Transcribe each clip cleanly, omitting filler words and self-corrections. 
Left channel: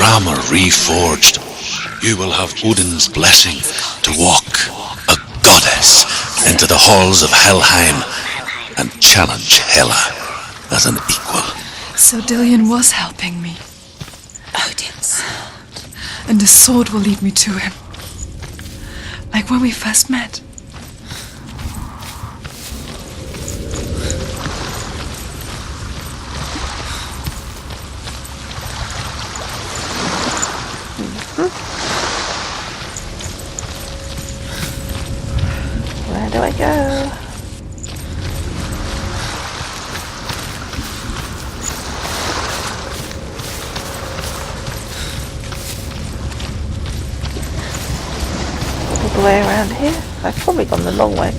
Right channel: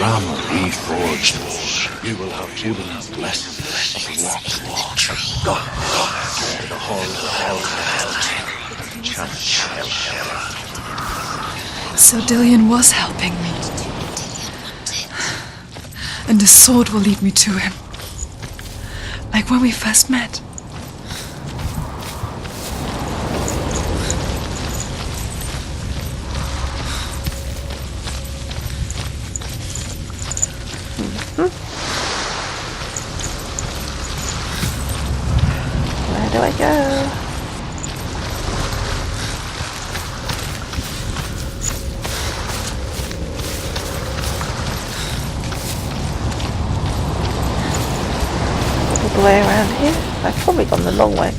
grammar reforged, you will have Odin's blessing to walk a goddess into the halls of Helheim and challenge Hela as an equal. So Dillion was helping me. And the sword will lead me to him. Like when we first met. Where do I go? All the way around here? I've probably gone the long way.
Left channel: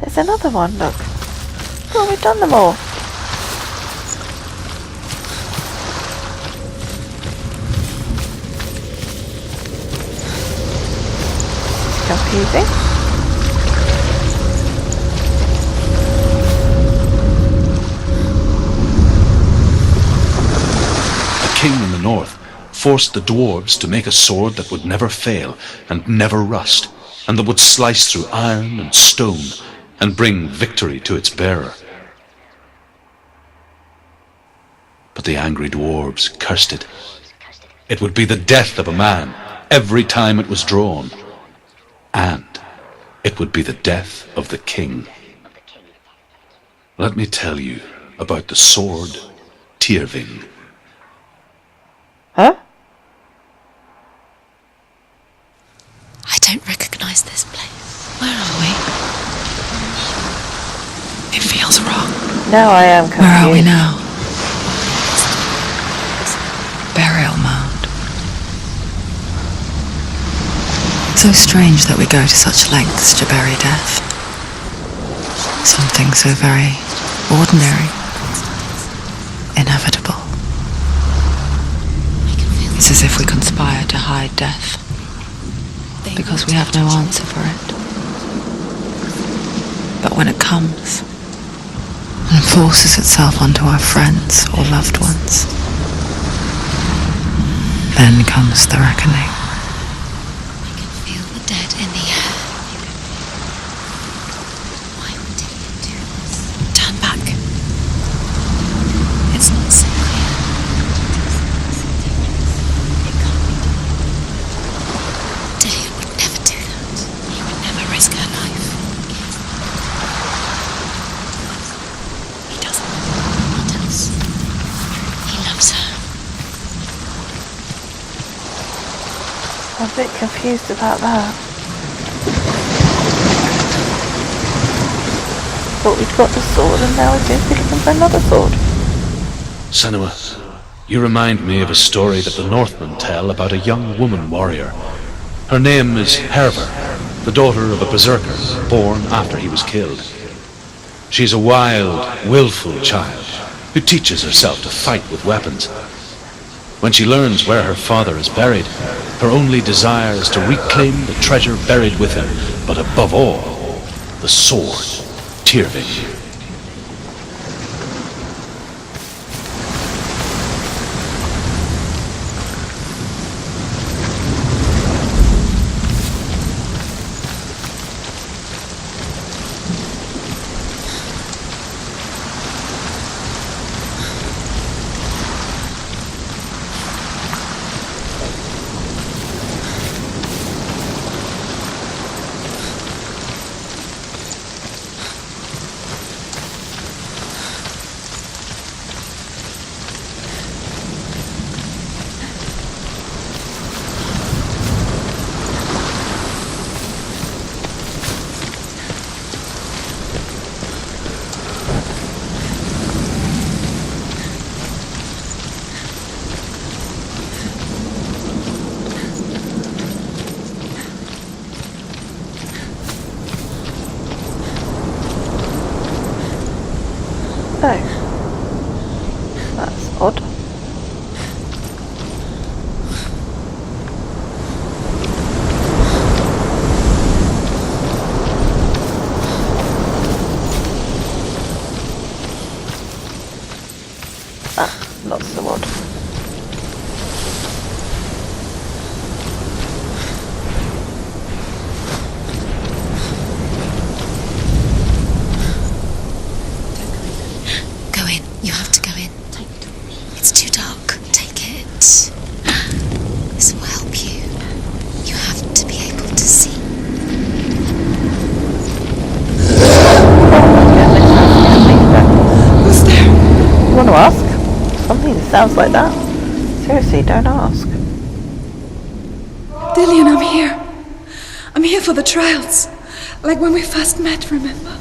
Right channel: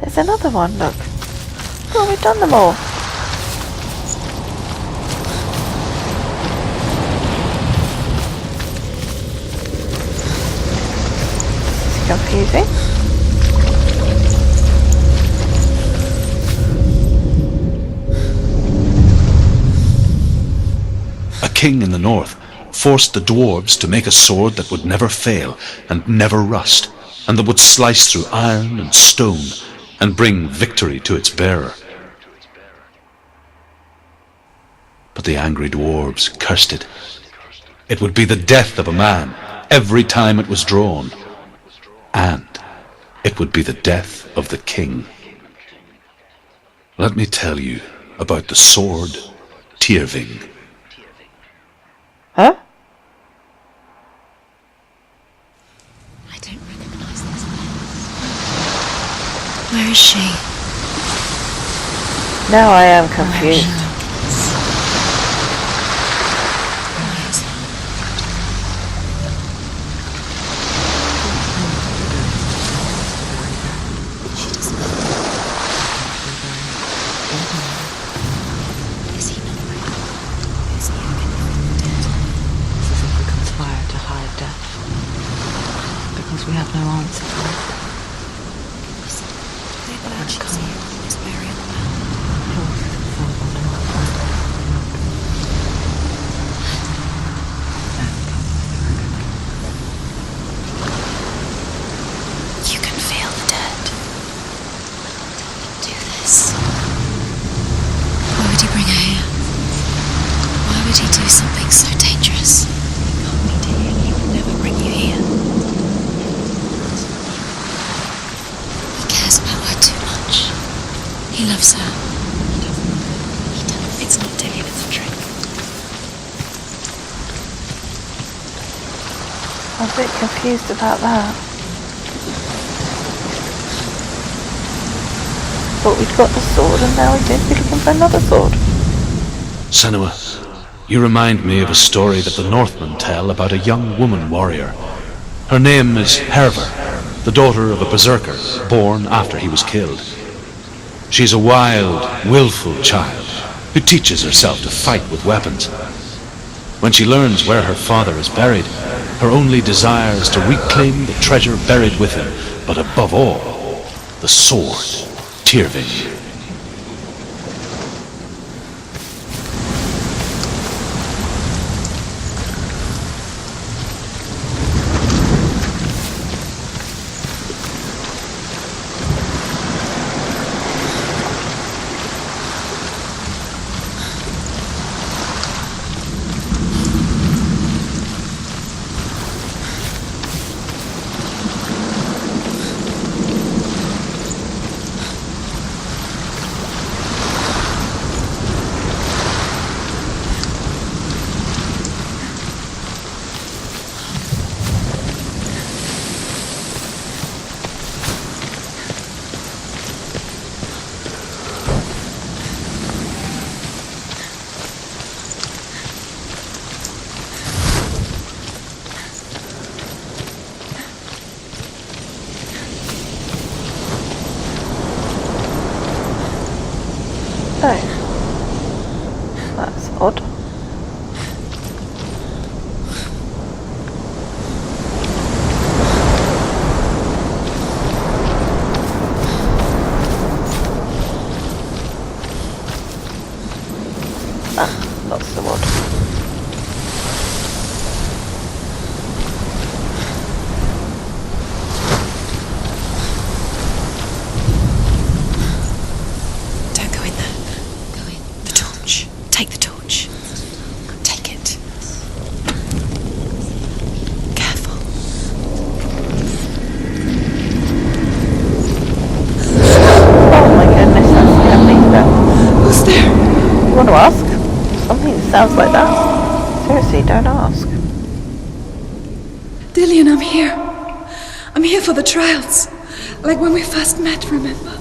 There's another one, look. Oh, we've done them all. It's confusing. A king in the north forced the dwarves to make a sword that would never fail and never rust, and that would slice through iron and stone and bring victory to its bearer. But the angry dwarves cursed it. It would be the death of a man every time it was drawn, and it would be the death of the king. Let me tell you about the sword Tyrving. Huh? I don't recognize this place. Where are we? Where is she? It feels wrong. Now I am Where are we confused. now? Burial mound. So strange that we go to such lengths to bury death. Something so very ordinary, inevitable. It's as if we conspire to hide death, because we have no answer for it. But when it comes and forces itself onto our friends or loved ones, then comes the reckoning. Dead in the air. You can feel the dead. Why would he do this? Turn back. Why would he bring her here? It's not safe. Why would he do something so dangerous? He would never bring you here. Dayan would never do that. He would never risk her life. He cares about her too much. He loves her. He doesn't. Not else. It's not Dayan, it's true. He loves her. I'm a bit confused about that. Thought we'd got the sword and now we seem to be looking for another sword. Senua, you remind me of a story that the Northmen tell about a young woman warrior. Her name is Hervor, the daughter of a berserker born after he was killed. She's a wild, willful child who teaches herself to fight with weapons. When she learns where her father is buried, her only desire is to reclaim the treasure buried with him, but above all, the sword, Tyrving. Oh, that's odd. Ah, not so odd. You want to ask? Something that sounds like that? Seriously, don't ask. Dillian, I'm here. I'm here for the trials. Like when we first met, remember?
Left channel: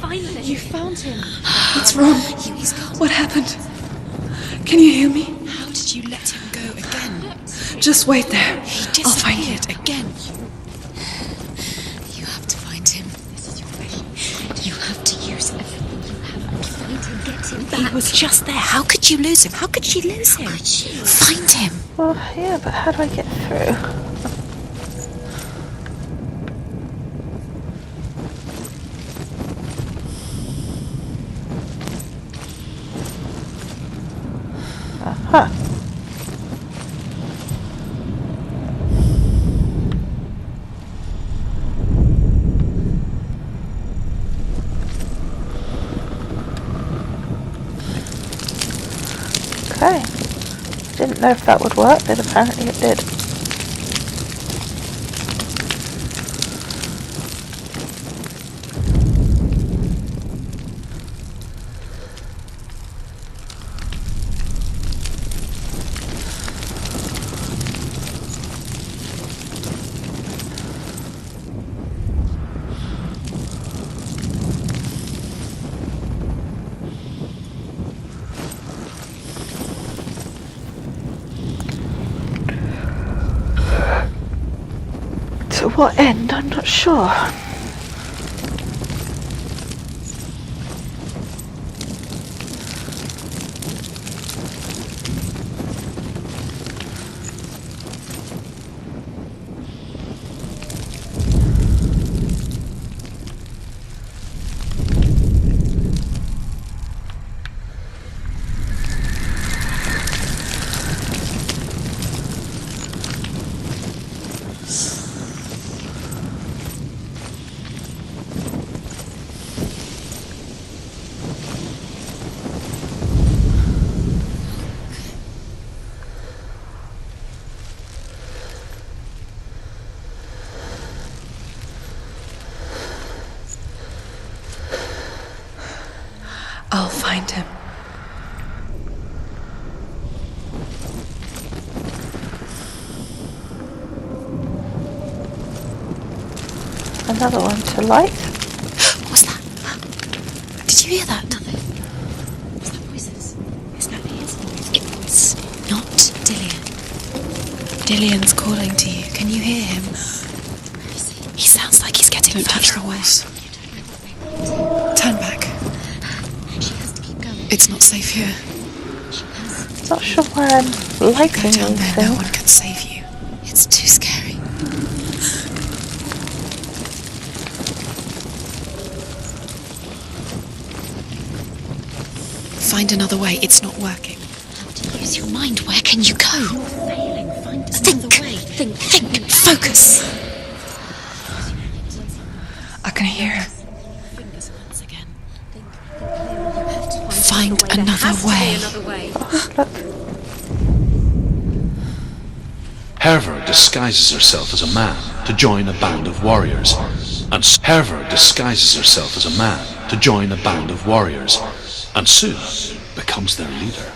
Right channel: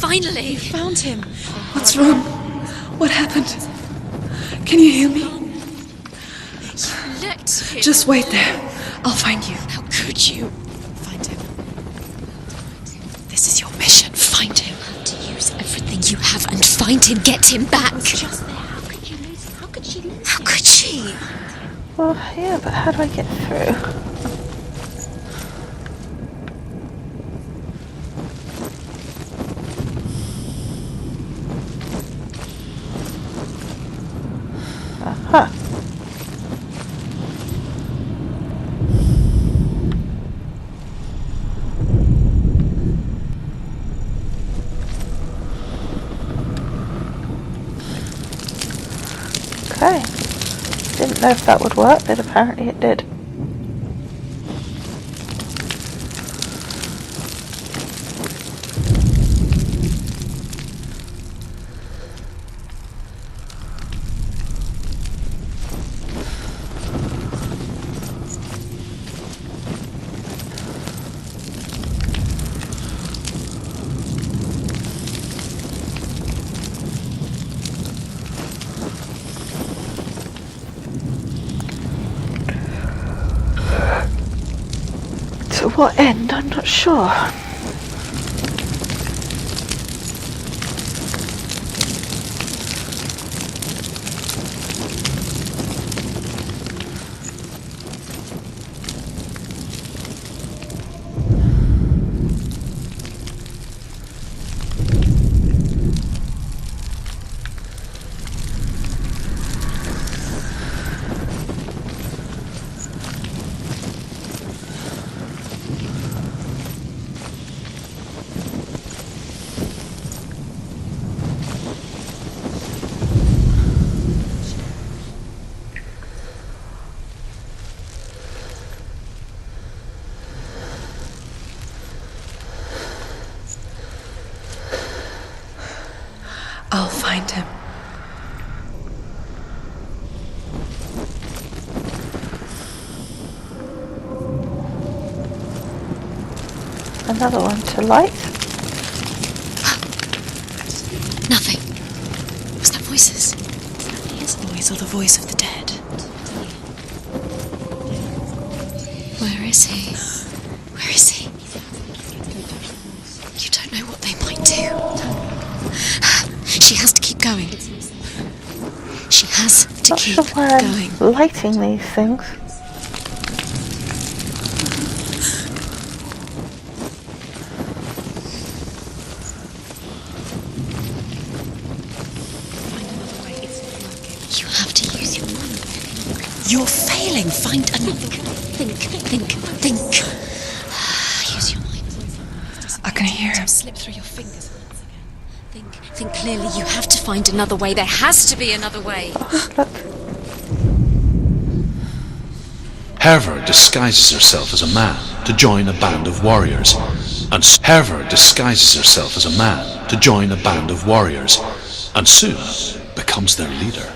Finally! You found him. What's wrong? What happened? Can you hear me? How did you let him go? Just wait there. I'll find you. How could you? You have to find him. This is your mission. Find him. You have to use everything you have and find him. Get him back. He was just there. How could you lose him? How could she lose him? How could she? Find him. Well, yeah, but how do I get through? Aha. Okay. Didn't know if that would work, but apparently it did. To what end? I'm not sure. find him. Another one to light. What's that? Did you hear that? Nothing. Was that voices? It's not his voice or the voice of the dead. Not Dillian. Dillian's calling to you. Can you hear him? Where is he? He sounds like he's getting further away. You don't know what they might do. Turn back. She has to keep going. It's not safe here. She has to Not keep sure why I'm lighting Tell me these no one things. can save you. It's too scary. Find another way. It's not working. You have to use your mind. Where can you go? You're failing. Find another way. Think. Focus. Use your mind. I can hear him. Slip through your fingers once again. Think clearly. You have to find another way. There has to be another way. Look, Herver disguises herself as a man to join a band of warriors, and soon becomes their leader.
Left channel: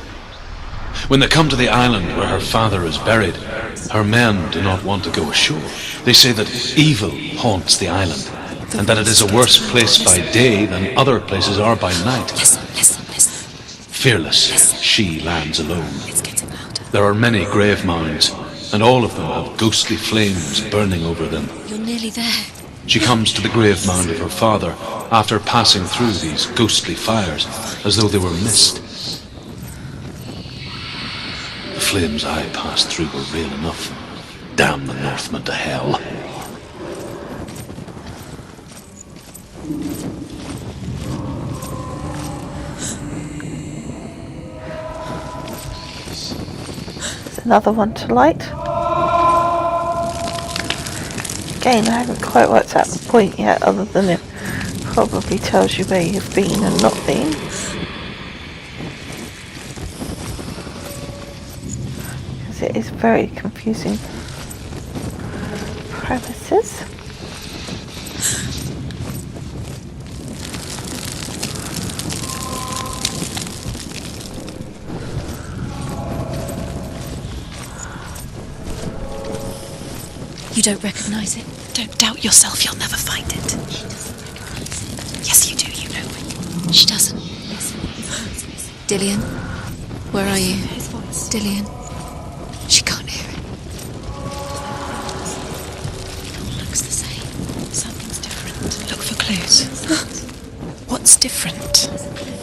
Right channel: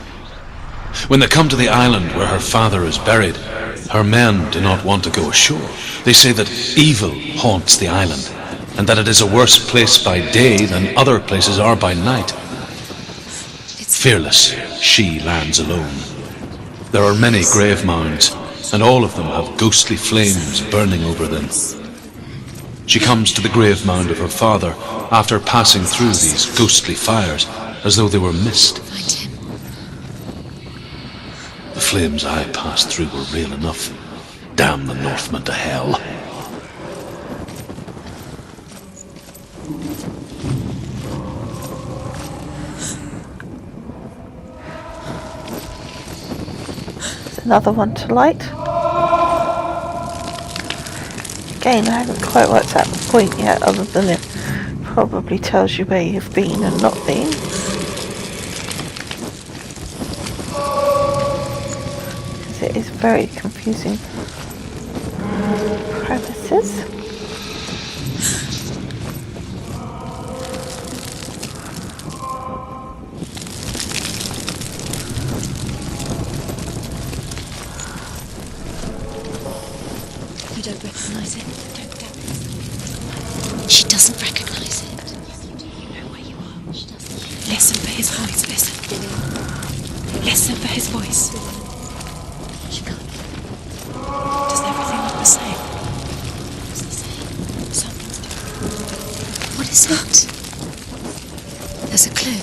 When they come to the island where her father is buried, her men do not want to go ashore. They say that evil haunts the island, and that it is a worse place by day than other places are by night. Listen. Fearless, she lands alone. There are many grave mounds, and all of them have ghostly flames burning over them. You're nearly there. She comes to the grave mound of her father after passing through these ghostly fires, as though they were mist. Find him. The flames I passed through were real enough. Damn the Northmen to hell. there's another one to light. Again, I haven't quite worked out the point yet, other than it probably tells you where you've been and not been. Because it is very confusing premises. You don't recognise it? Don't doubt yourself. You'll never find it. She doesn't recognise it. Yes, you do. You know where you are. She doesn't. Listen for his voice. Listen. Dillian, where Listen are for you? his voice. Dillian. She can't hear. Does everything look the same? Looks the same. Something's different. Look for clues. What is that? What's different? There's a clue.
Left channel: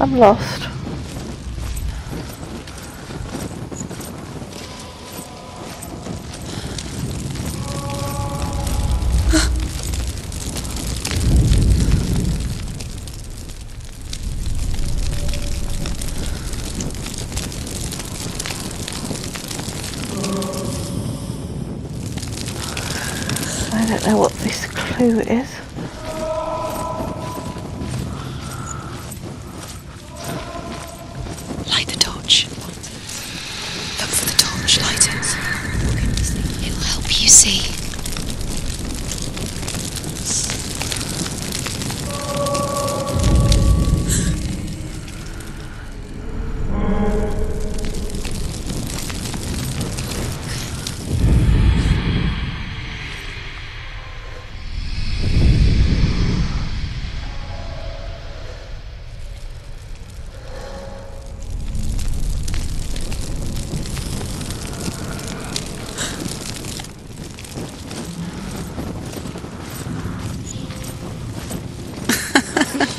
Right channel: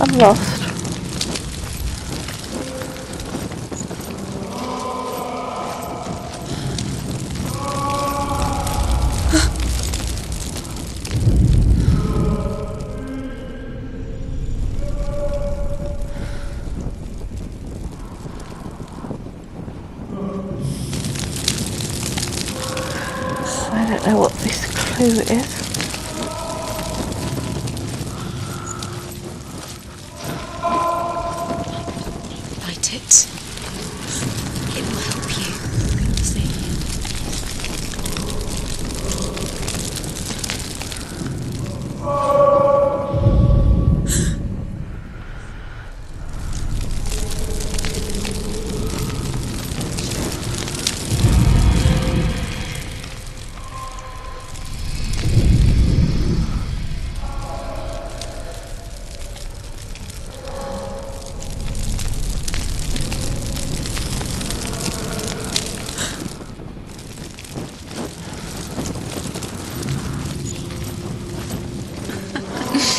I'm lost. I don't know what this clue is. Light the torch. Light it. Look for the torch. Light it. It'll help you see.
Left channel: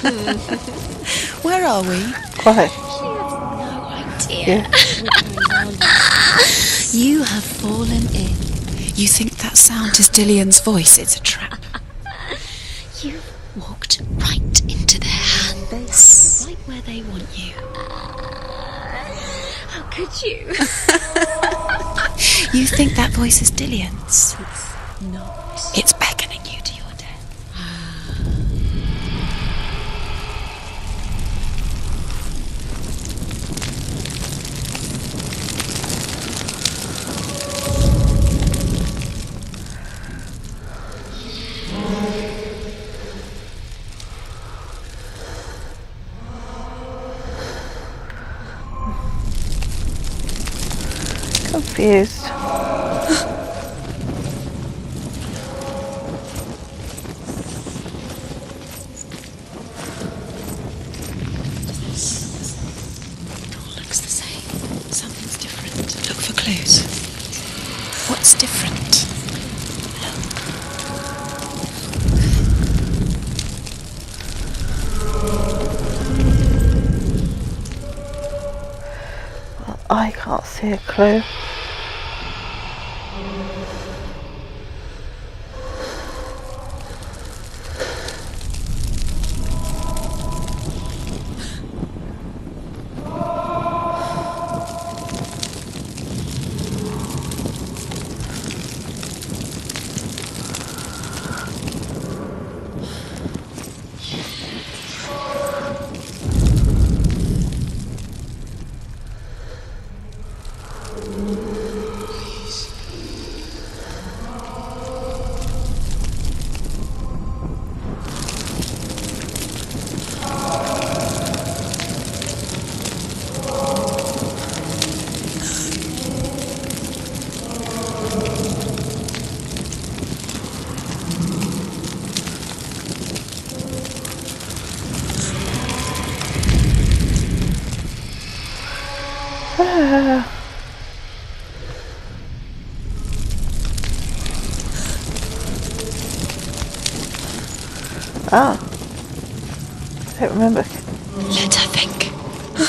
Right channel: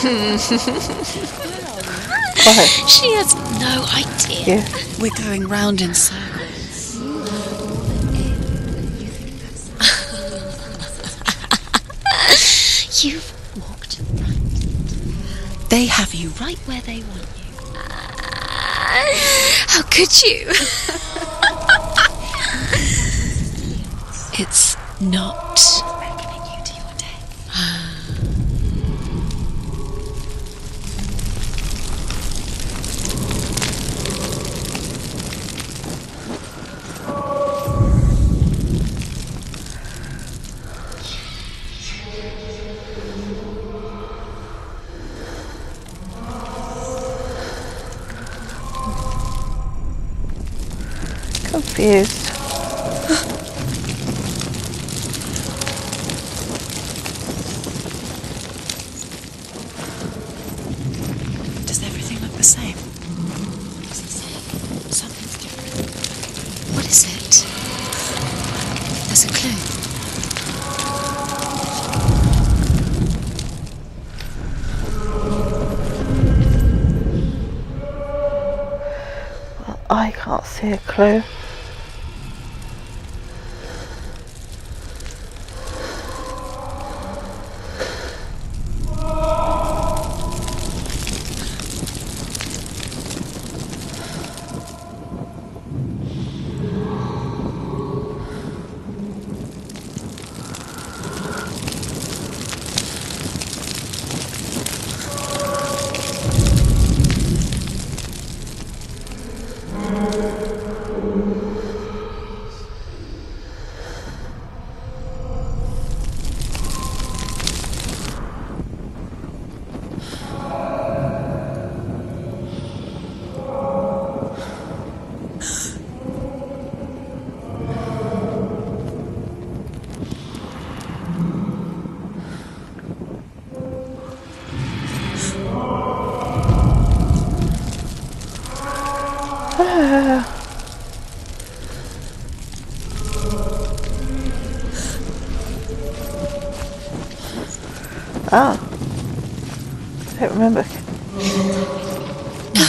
Where are we? Why? She has no idea. Yeah. We're going round in circles. You have fallen in. You think that sound is Dillian's voice? It's a trap. You've walked right into their hands. They have you right where they want you. How could you? You think that voice is Dillian's? It's not. It's beckoning you to your death. Confused. Does everything look the same? All looks the same. Something's different. Look for clues. What is it? What's different? There's a clue. Well, I can't see a clue. Ah. I don't remember. Let her think. No,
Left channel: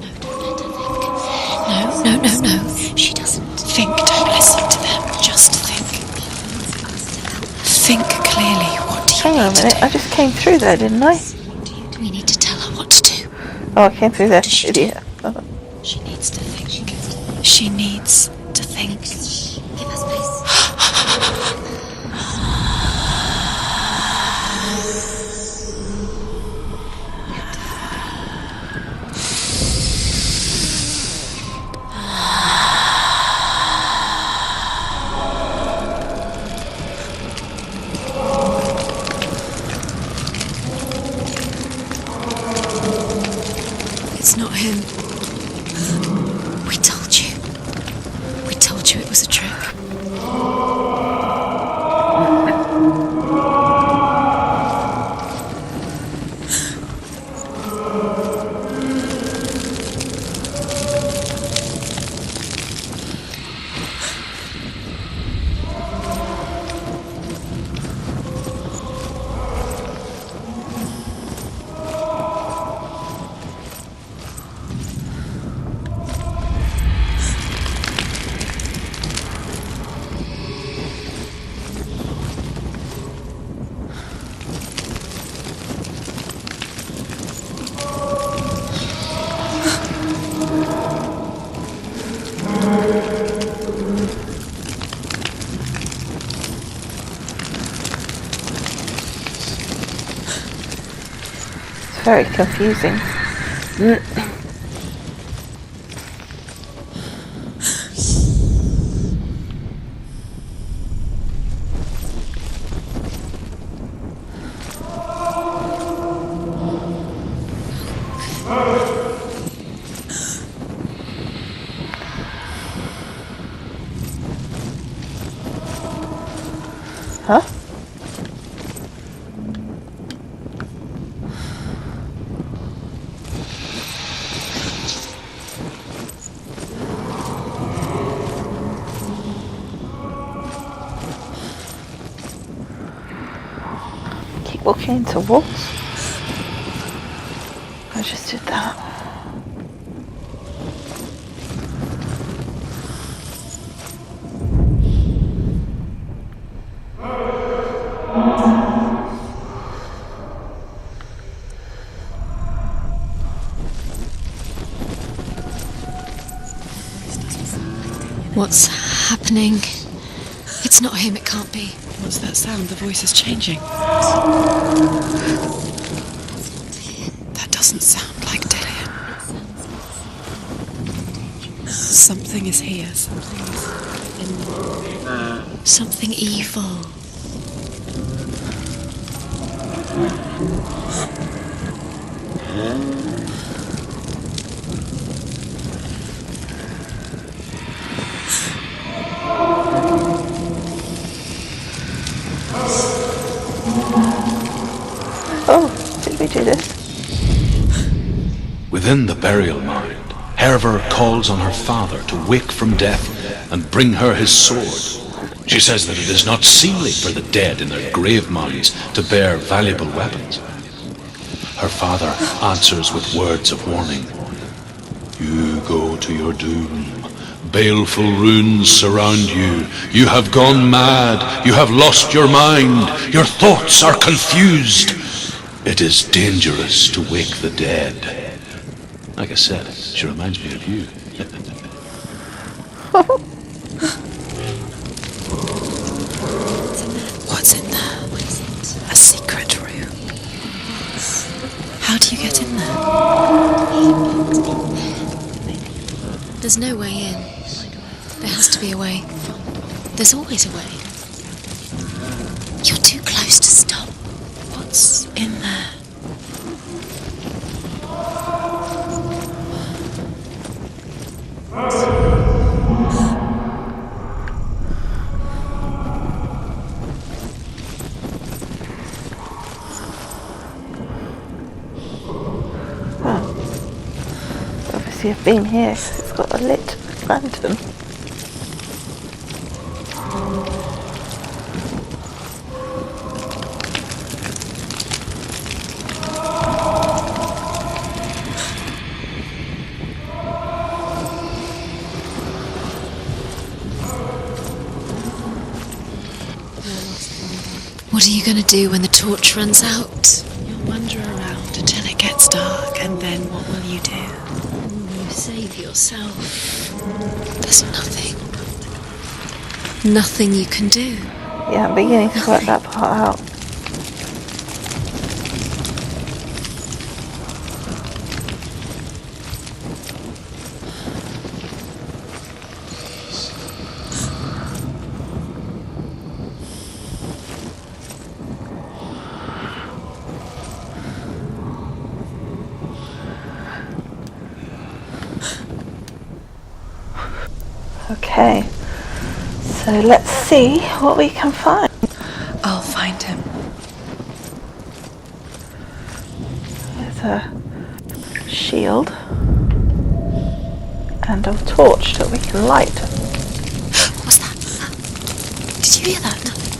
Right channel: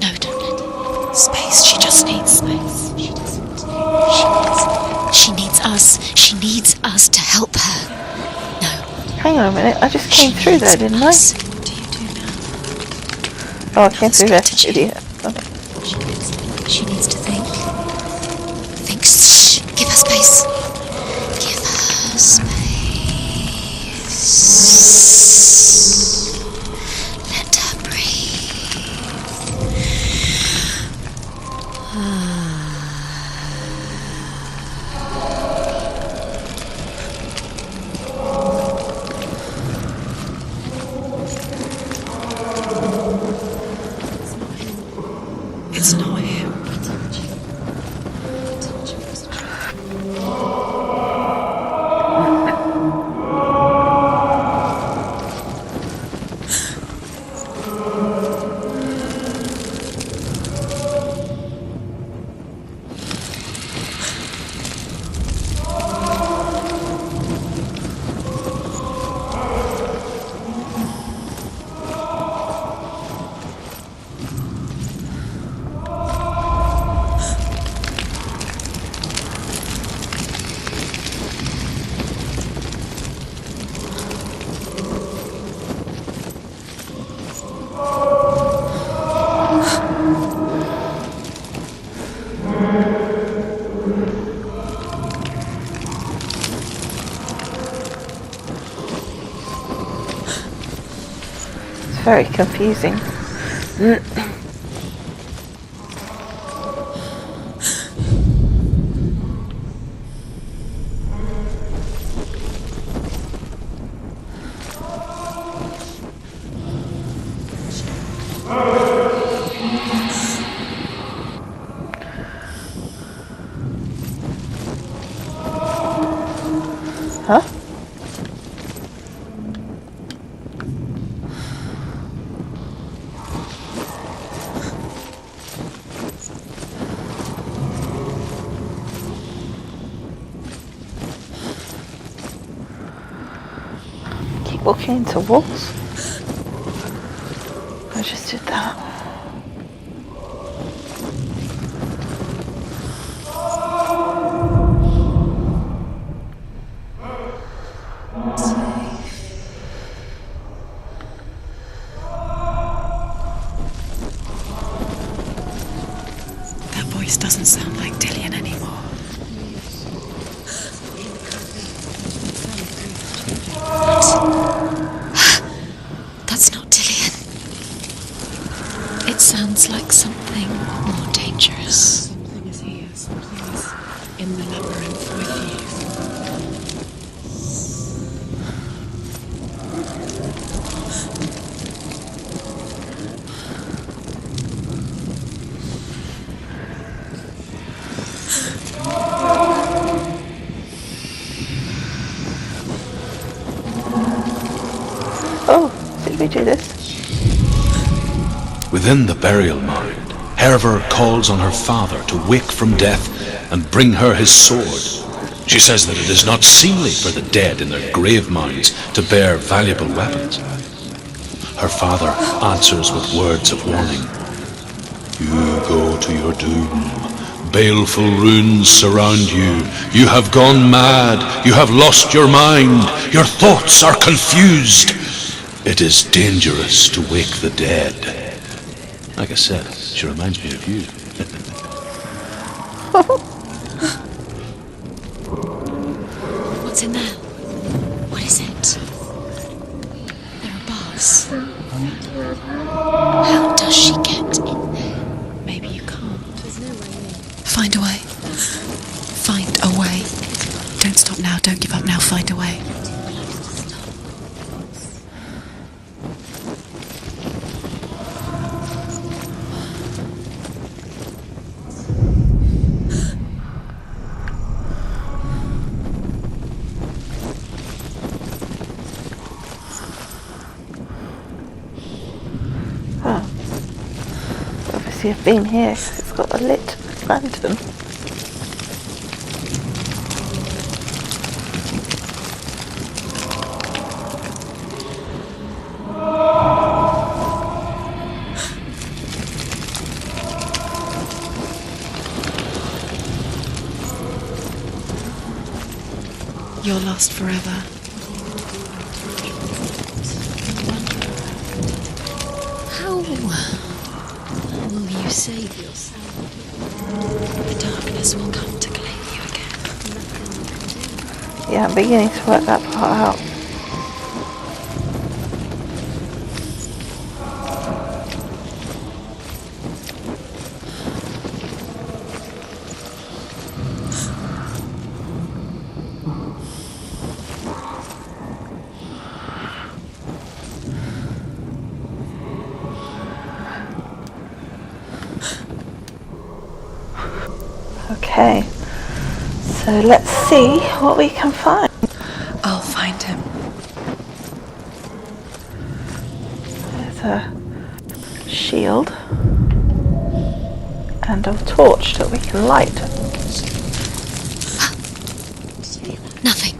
don't let her think. It's space. She just needs. No. She doesn't think. Don't listen to them. Just us. She needs us to help her. Think clearly. What do you Hang on a minute, I just came through there, didn't I? What do you do? You need to tell her what to do. Oh, I came through there, idiot. Oh. She needs to think. She needs to think. She needs to think. Shh. Give her space. Give her space. Let her breathe. It's not him. It's not him. We told you. We told you it was a trick. Very confusing. Huh? Keep walking into walls. just did that. That voice doesn't sound like Dillian anymore. What's happening? It's not him, it can't be. What's that sound? The voice is changing. That's not Dillian. That doesn't sound like Dillian. It sounds like something more dangerous. Something is here. Something is in the memory. Something evil. Oh, did we do this? Within the burial mound, Herver calls on her father to wake from death and bring her his sword. She says that it is not seemly for the dead in their grave mounds to bear valuable weapons. Her father answers with words of warning. You go to your doom. Baleful runes surround you. You have gone mad. You have lost your mind. Your thoughts are confused. It is dangerous to wake the dead. Like I said, she reminds me of you. What's in there? What's in there? What is it? A secret room. Yes. How do you get in there? How does she get in there? Maybe you can't. There's no way in. Find a way. There has to be a way. Find a way. There's always a way. Don't stop now. Don't give up now. Find a way. You're too close to stop. What's in there? Oh. Obviously I've been here 'cause it's got a lit lantern. You're lost forever. What are you going to do when the torch runs out? Wander around until it gets dark, and then what will you do? Will you save yourself? There's nothing come to claim you again. Nothing you can do. Yeah, I'm beginning to work that part out. Okay, so let's see what we can find. I'll find him. There's a shield and a torch that we can light. What's that? Did you hear that? Nothing.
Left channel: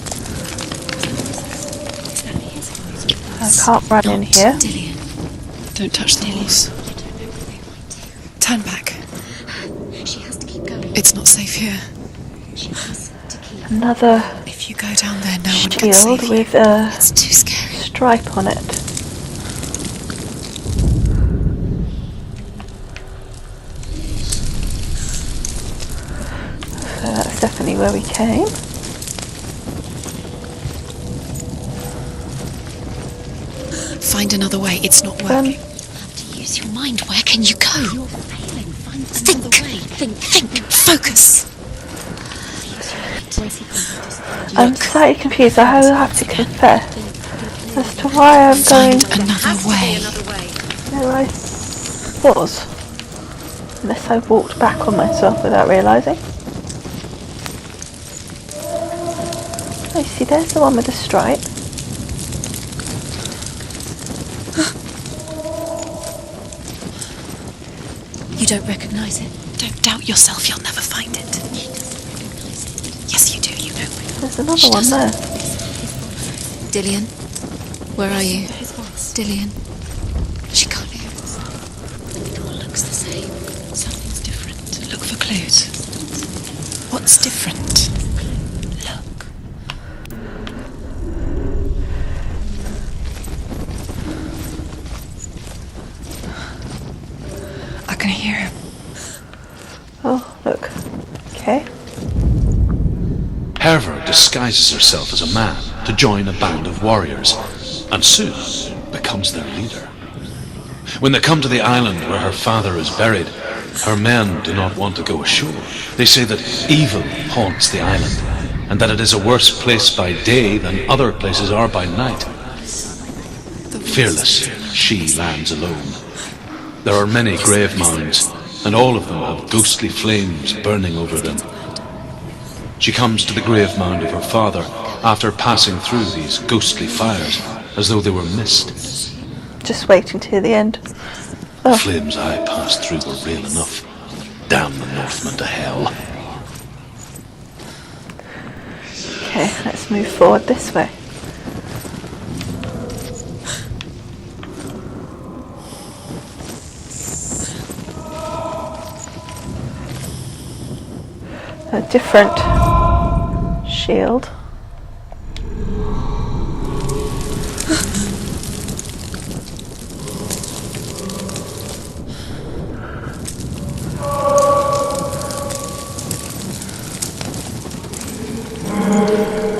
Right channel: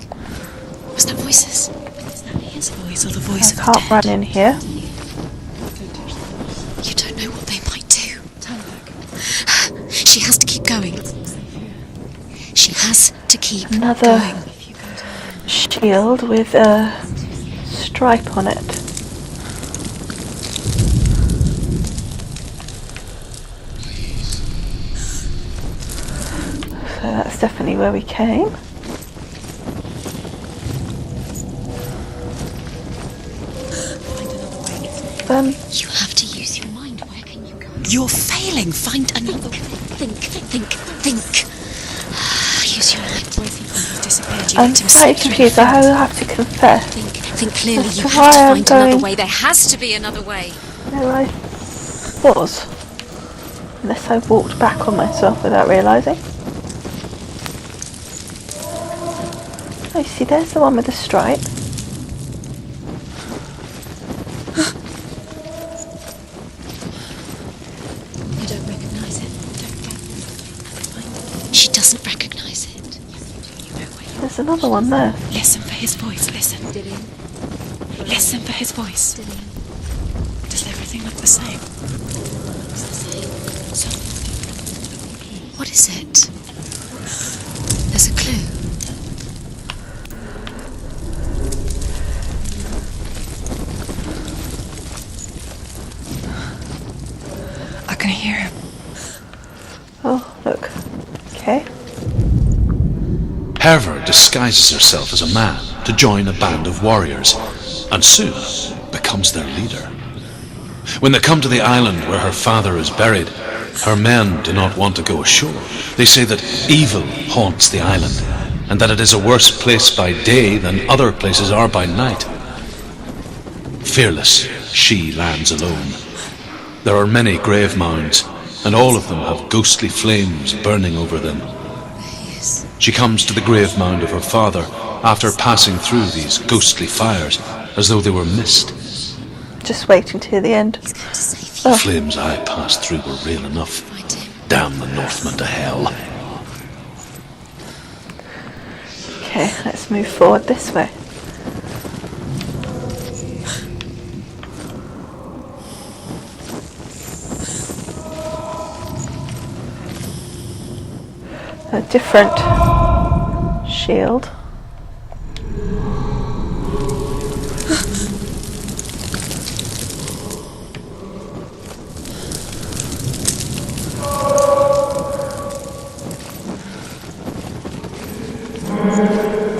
Was there voices? It's not his voice or the I voice. can't run in here. Dillian, Don't touch the hills. you don't know what they might do. Turn back. She has to keep going. It's not safe here. She has to keep Another going. If you go down there, no one can shield see. with a It's too scary. stripe on it. So that's definitely where we came. Find another way. It's not working. You have to use your mind. Where can you go? You're failing. Find another way. Think. Focus. Use your mind. Where's he gone? He's disappeared. I'm slightly confused. I will have to confess. Think clearly. As to You have why I'm to find going- another way. There has to be another way. There I was. Unless I walked back on myself without realising. Oh, you see, there's the one with the stripe. You don't recognise it. Don't doubt yourself. You'll never find it. She doesn't recognise it. Yes, you do. You know it. There's another one there. Listen for his voice. Listen. Dillian, where are Listen you? for his voice. Dillian. She can't Everything looks the same. It all looks the same. Something's different. Look for clues. What is it? What's different? There's a clue. Look. I can hear him. Oh, look. Okay. Herver disguises herself as a man to join a band of warriors, and soon becomes their leader. When they come to the island where her father is buried, her men do not want to go ashore. They say that evil haunts the island, and that it is a worse place by day than other places are by night. Fearless, she lands alone. There are many grave mounds, and all of them have ghostly flames burning over them. She comes to the grave mound of her father after passing through these ghostly fires, as though they were mist. Just waiting to hear the end. The flames I passed through were real enough. Damn the Northmen to hell. Okay, let's move forward this way. A different shield.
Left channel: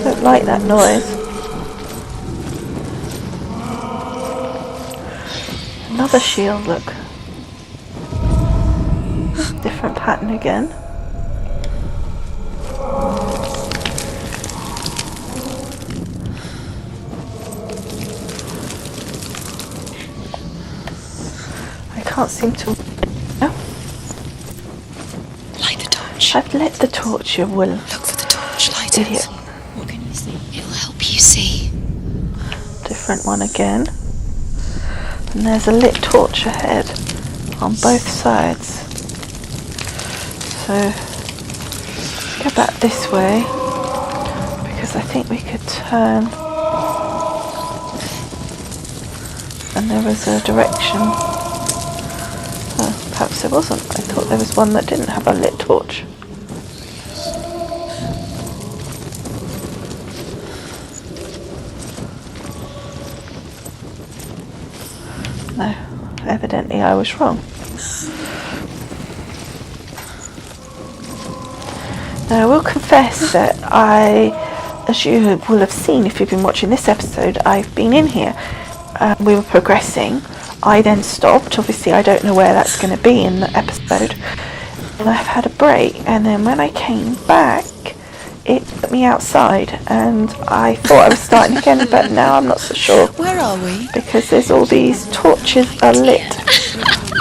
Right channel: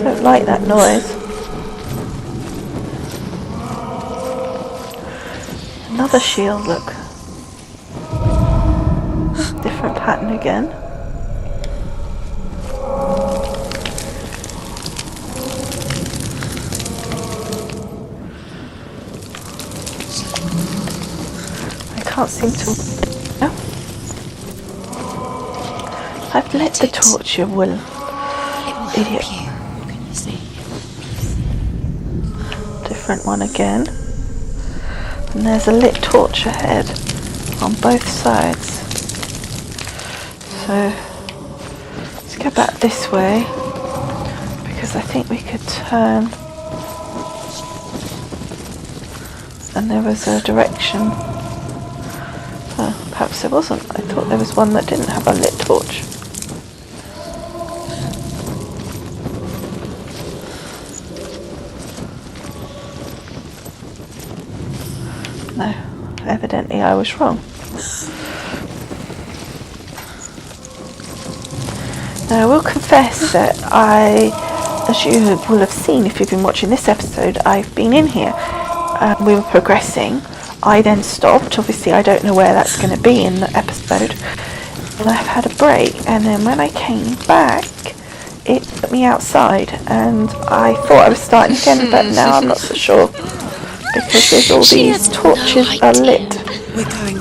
Don't like that noise. Another shield, look. Different pattern again. I can't seem to... No. Light the torch. I've lit the torch, you will. Look for the torch. Light Idiot. it. It'll help you see. Different one again. And there's a lit torch ahead on both sides. So let's go back this way, because I think we could turn, and there was a direction. Oh, perhaps there wasn't. I thought there was one that didn't have a lit torch. No, evidently I was wrong. Now I will confess that as you will have seen if you've been watching this episode, I've been in here. We were progressing. I then stopped. Obviously I don't know where that's going to be in the episode. And I've had a break, and then when I came back it put me outside, and I thought I was starting again, but now I'm not so sure. Where are we? Because there's all these torches are lit.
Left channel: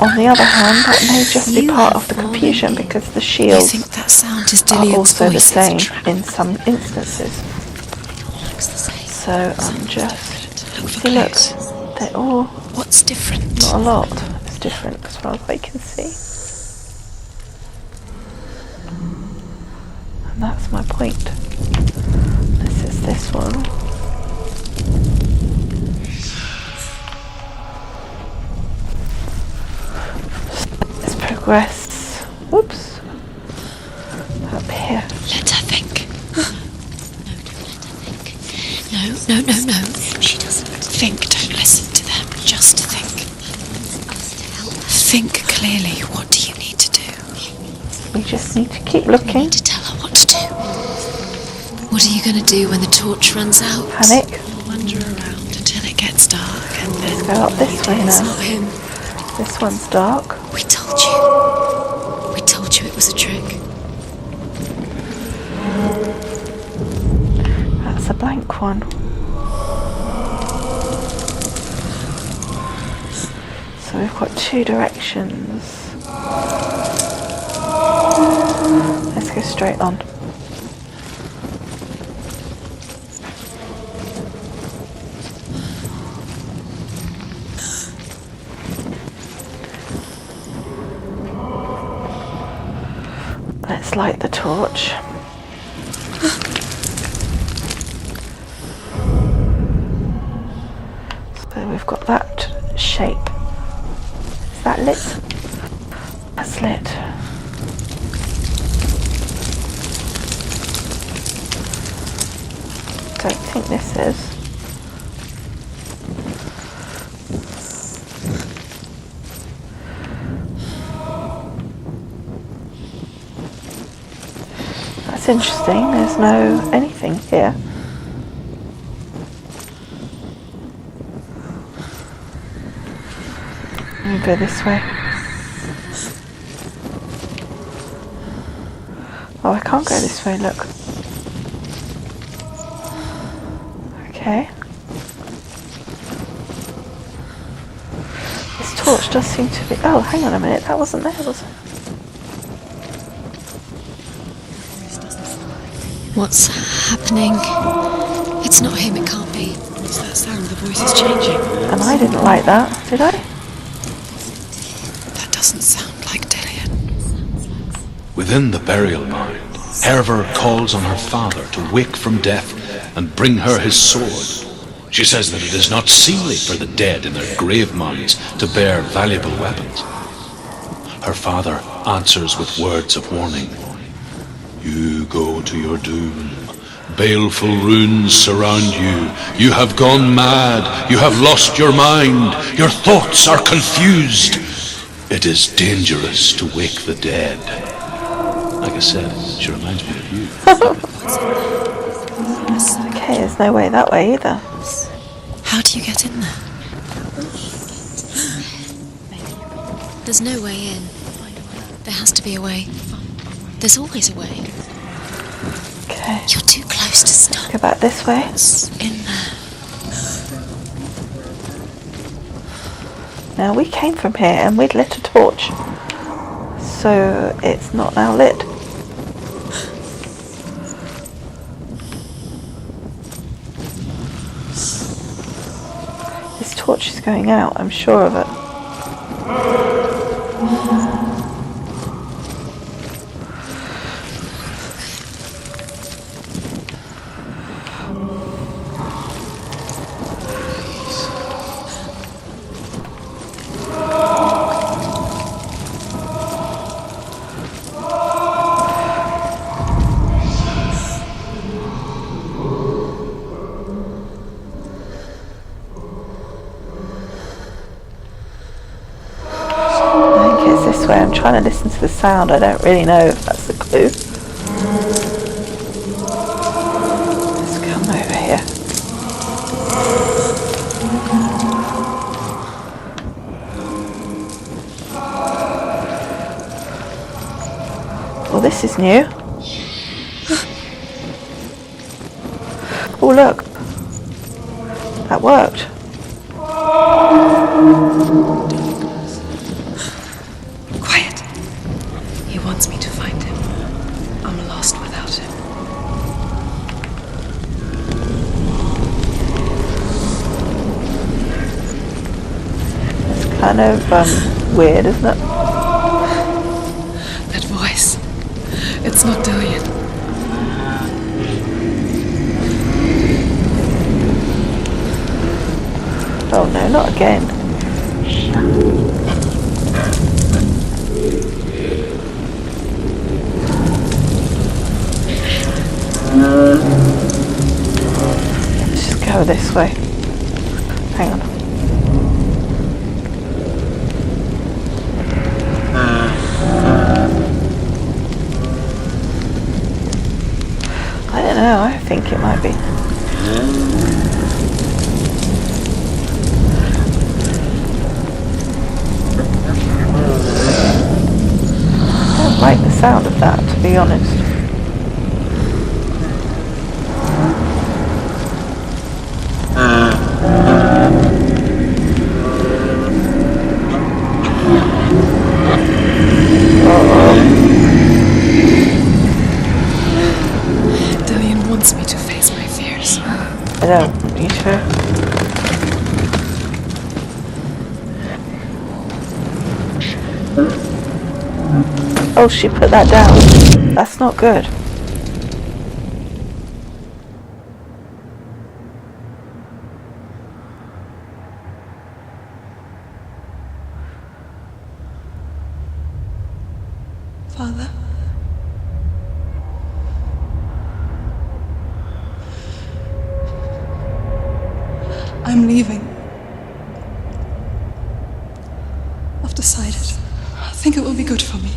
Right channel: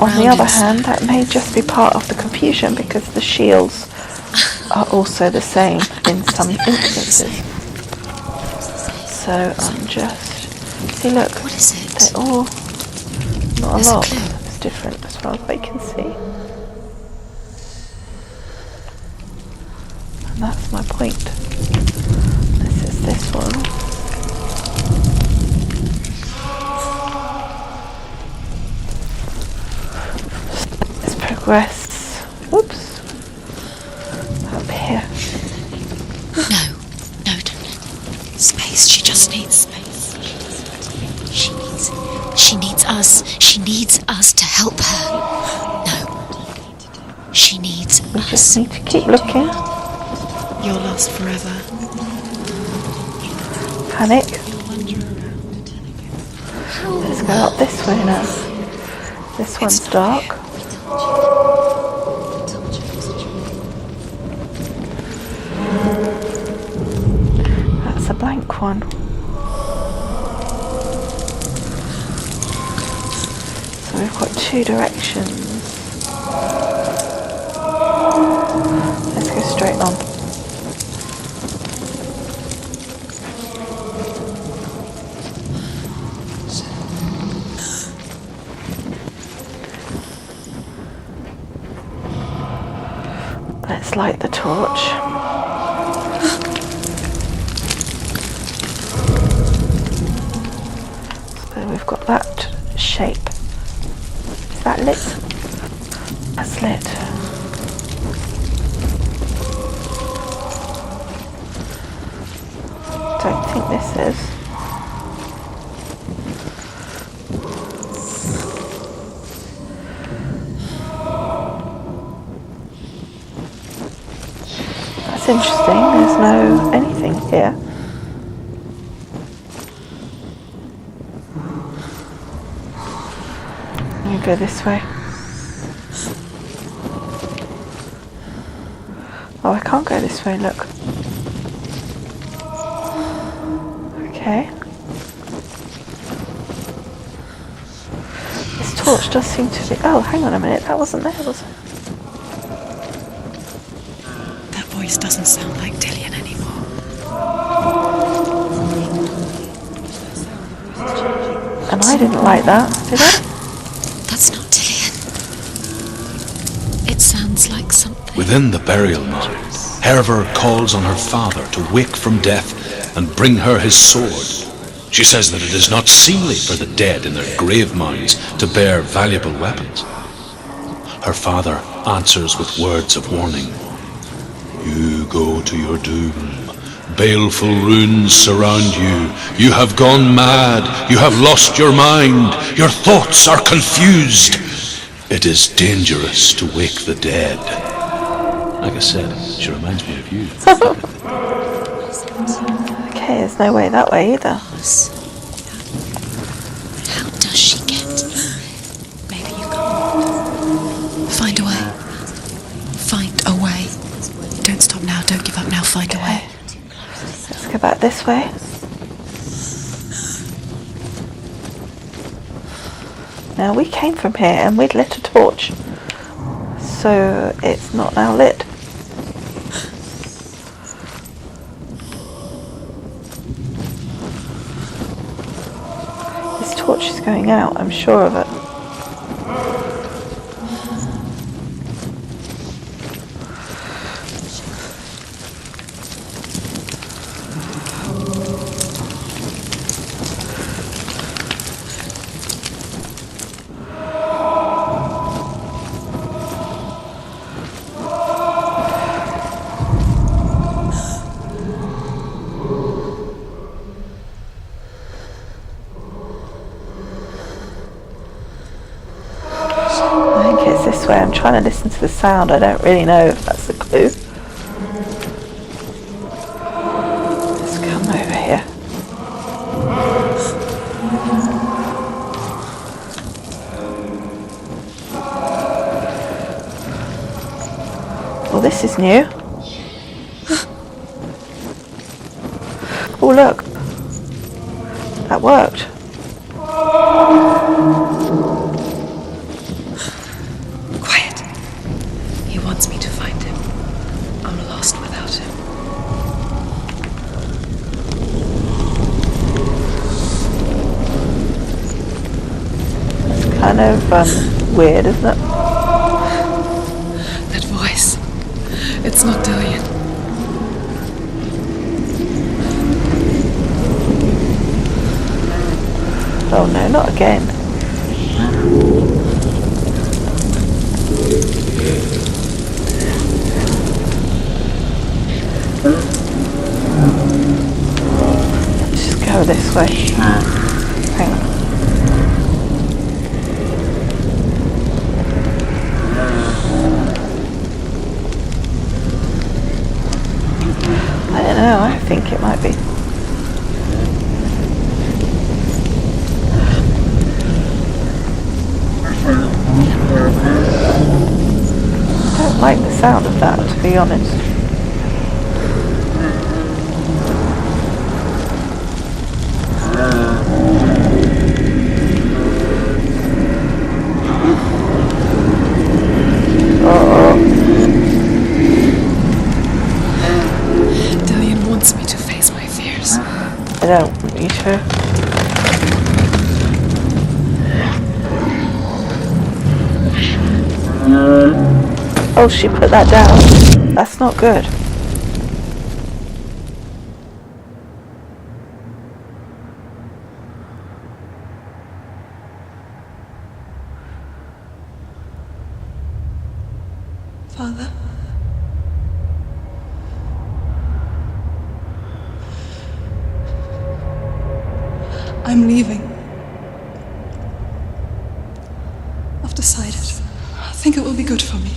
On the other hand, that may just be part of the confusion, because the shields are also the same in some instances. So I'm just... See, look, they're all... What's different? Not a lot. It's different as far as I can see. And that's my point. This is this one. Let's progress. Oops. Up here. Let her think. No, don't. She just no. She doesn't think. Don't listen to them. Just us. She needs us to help her. Think clearly. What do you need to do? She needs us. We just need to keep looking. To tell her what to do. You're lost forever. What are you going to do when the torch runs out? Panic. You'll wander around until it gets dark. Let's go up this way now. This one's dark. We told you. We told you it was a trick. That's a blank one. So we've got two directions. Let's go straight on. Let's light the torch. So we've got that shape that lit? That's lit. Don't think this is. That's interesting. There's no anything here. Let me go this way. Oh, I can't go this way, look. Okay. This torch does seem to be... Oh, hang on a minute. That wasn't there, was it? That voice doesn't sound like Dillian. What's happening? It's not him, it can't be. What's that sound? The voice is changing. And I didn't like that, did I? That's not Dillian. That doesn't sound like Dillian. It sounds like something. Within the burial mound, Herver calls on her father to wake from death and bring her his sword. She says that it is not seemly for the dead in their grave mounds to bear valuable weapons. Her father answers with words of warning. You go to your doom. Baleful runes surround you. You have gone mad. You have lost your mind. Your thoughts are confused. It is dangerous to wake the dead. Like I said, she reminds me of you. Okay, there's no way that way either. How do you get in there? How does she get in? Maybe you can't. There's no way in. Find a way. There has to be a way. Find a way. There's always a way. Don't stop now. Don't give up now. Find a way. You're too close to stop. Go back this way. It's in there. Now, we came from here and we'd lit a torch. So it's not now lit. This torch is going out, I'm sure of it. This way. I'm trying to listen to the sound. I don't really know if that's the clue. Let's come over here. Well, this is new. Oh, look. That worked. He wants me to find him. I'm lost without him. It's kind of weird, isn't it? That voice. It's not Dillian. Oh no, not again. Let's just go this way. Hang on. I don't know, I think it might be. I don't like the sound of that, to be honest. Dillian wants me to face my fears. I don't want you to. Oh, she put that down. That's not good. Father. I'm leaving. I've decided. I think it will be good for me.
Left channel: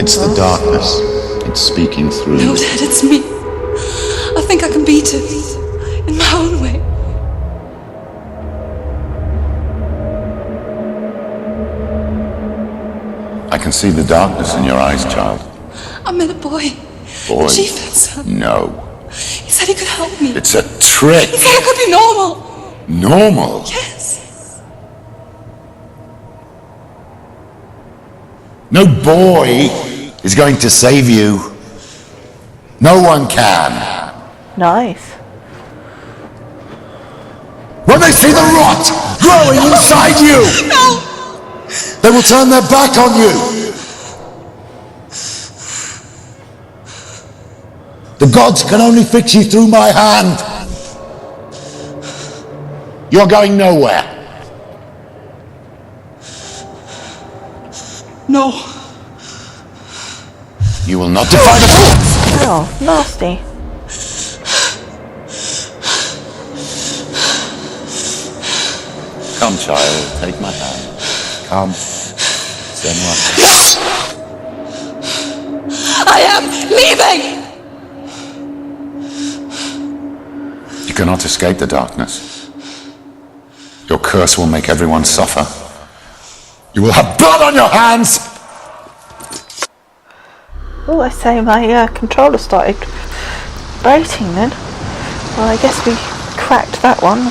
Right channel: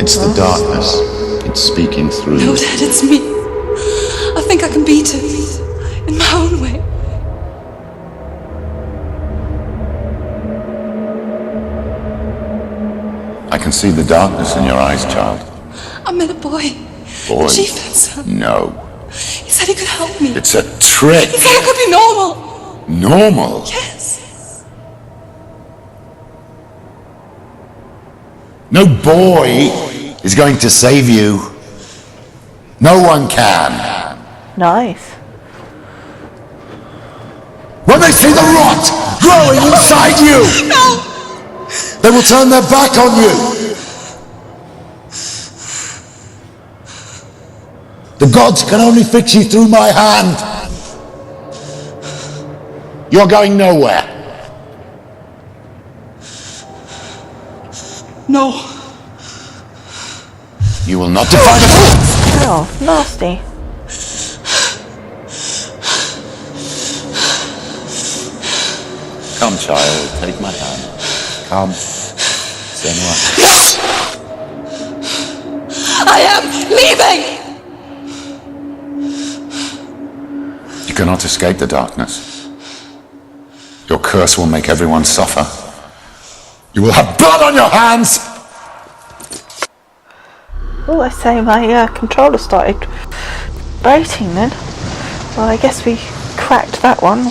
It's the darkness. It's speaking through No, you. Dad, it's me. I think I can beat it. In my own way. I can see the darkness in your eyes, child. I met a boy. Boy. The chief answered. No. He said he could help me. It's a trick. He said I could be normal. Normal? Yes. No boy is going to save you. No one can. Nice. When they see the rot growing inside you, No! they will turn their back on you. The gods can only fix you through my hand. You're going nowhere. No. You will not defy the force. Oh, nasty. Come, child, take my hand. Come. Senua. I am leaving! You cannot escape the darkness. Your curse will make everyone suffer. You will have blood on your hands! Oh, I say my controller started vibrating then. Well, I guess we cracked that one.